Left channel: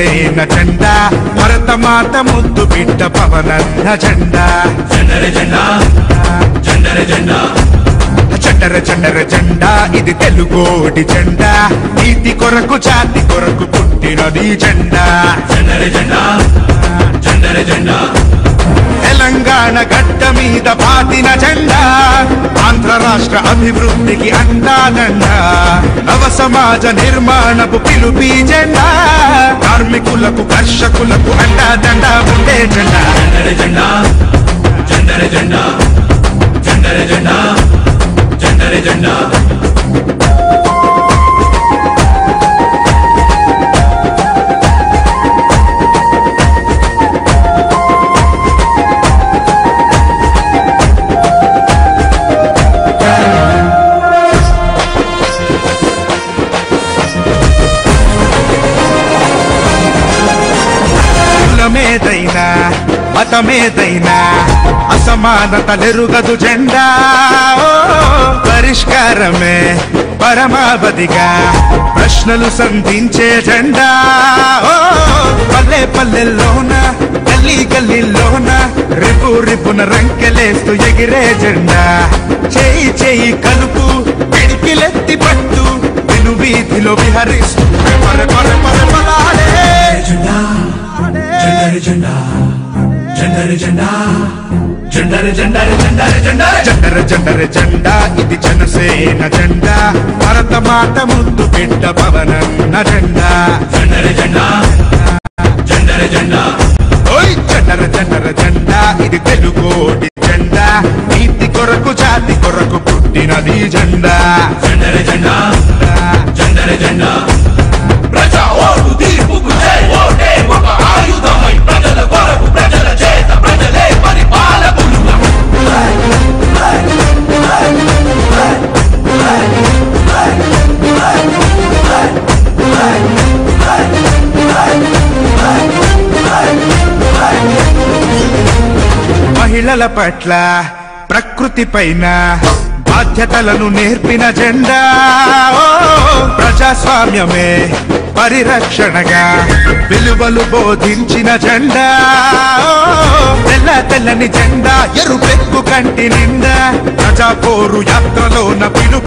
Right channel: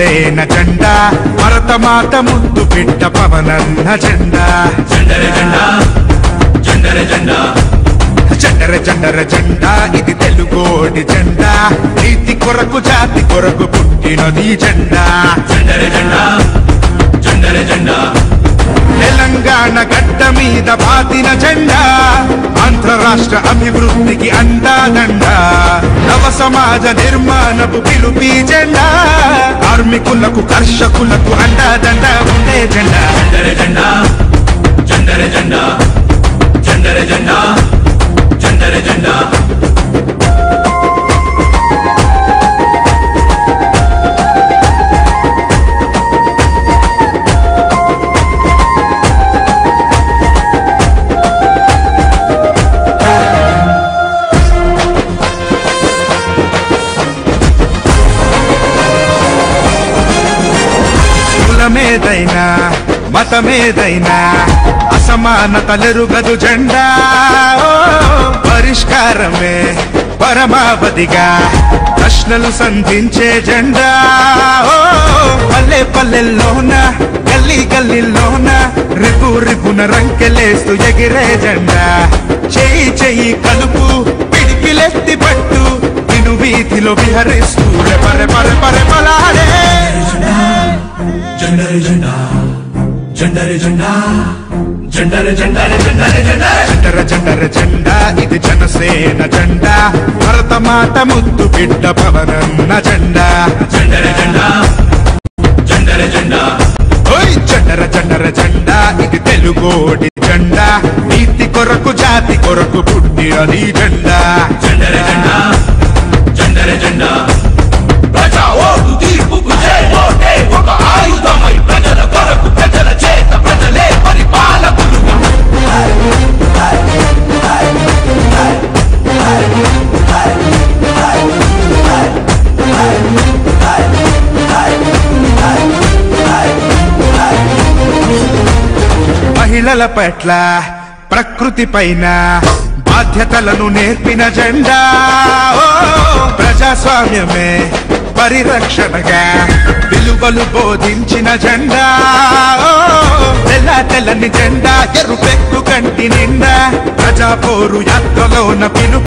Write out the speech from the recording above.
జనసేన జెండా భరతమాత ముద్దు బిడ్డ పవనన్న జెండా జెండరే జెండా జెండరే జెండా జెండర జెండర జెండా ఇది తెలుగోడి జెండా నీతి కొరకు జాతి కొరకు పుట్టినది జెండా జెండరే జెండా జెండరే జెండా తెలంగాణ గడ్డ మీద పాతిన జెండా ఆంధ్ర రాష్ట్ర అభివృద్ధికి అందాదండా నవ సమాజ నిర్మాణపు పిలుపి జెండా కార్మికులకు కర్షకులకు అండాదండా ఉండే జెండా జెండరే జెండా జెండరే జెండా జెండరే జెండా జెండరే జెండా కులమేదైనా మతమేదైనా అసమానతలెరుగదు జెండా పరిష్కారమే పరమావధిగా ప్రశ్నలు సంధించే జెండా పల్లె పల్లెల్లోన గల్లీ గల్లీలోన రేపు రేపున రంకెలేస్తూ ఎగిరే జెండా చెయ్యి చెయ్యి కలుపు పిడికిలెత్తి పట్టు విను వీధిలో విహరిస్తూ పర పర పర పరాడే జెండరే జెండా జెండరే జెండా జెండరే జెండరే జెండరే జెండరే జెండర జెండర జెండా ఇది జనసేన జెండా భరతమాత ముద్దు బిడ్డ పవనన్న జెండా జెండరే జెండా జెండరే జెండా ఓయ్ జెండర జెండర జెండా ఇది తెలుగోడి జెండా నీతి కొరకు జాతి కొరకు పుట్టినది జెండా జెండరే జెండా జెండరే జెండా ప్రజా ఓటు తీర్పుకు జై ఓటే ఒక ఆయుధమై ప్రజల కొరకు ప్రజల చేత ప్రజలే పరిపాలకులుగా మహిళల పట్ల ప్రకృతి పైన బాధ్యతలను నేర్పిన జెండా ప్రజాస్వామ్యమే పరిరక్షణగా విలువలు బోధించిన జెండా తెల్ల తెల్లని జెండా ఎరుపెక్కు కంటి నిండా ప్రజా పోరు యాత్రలోన పిలుపు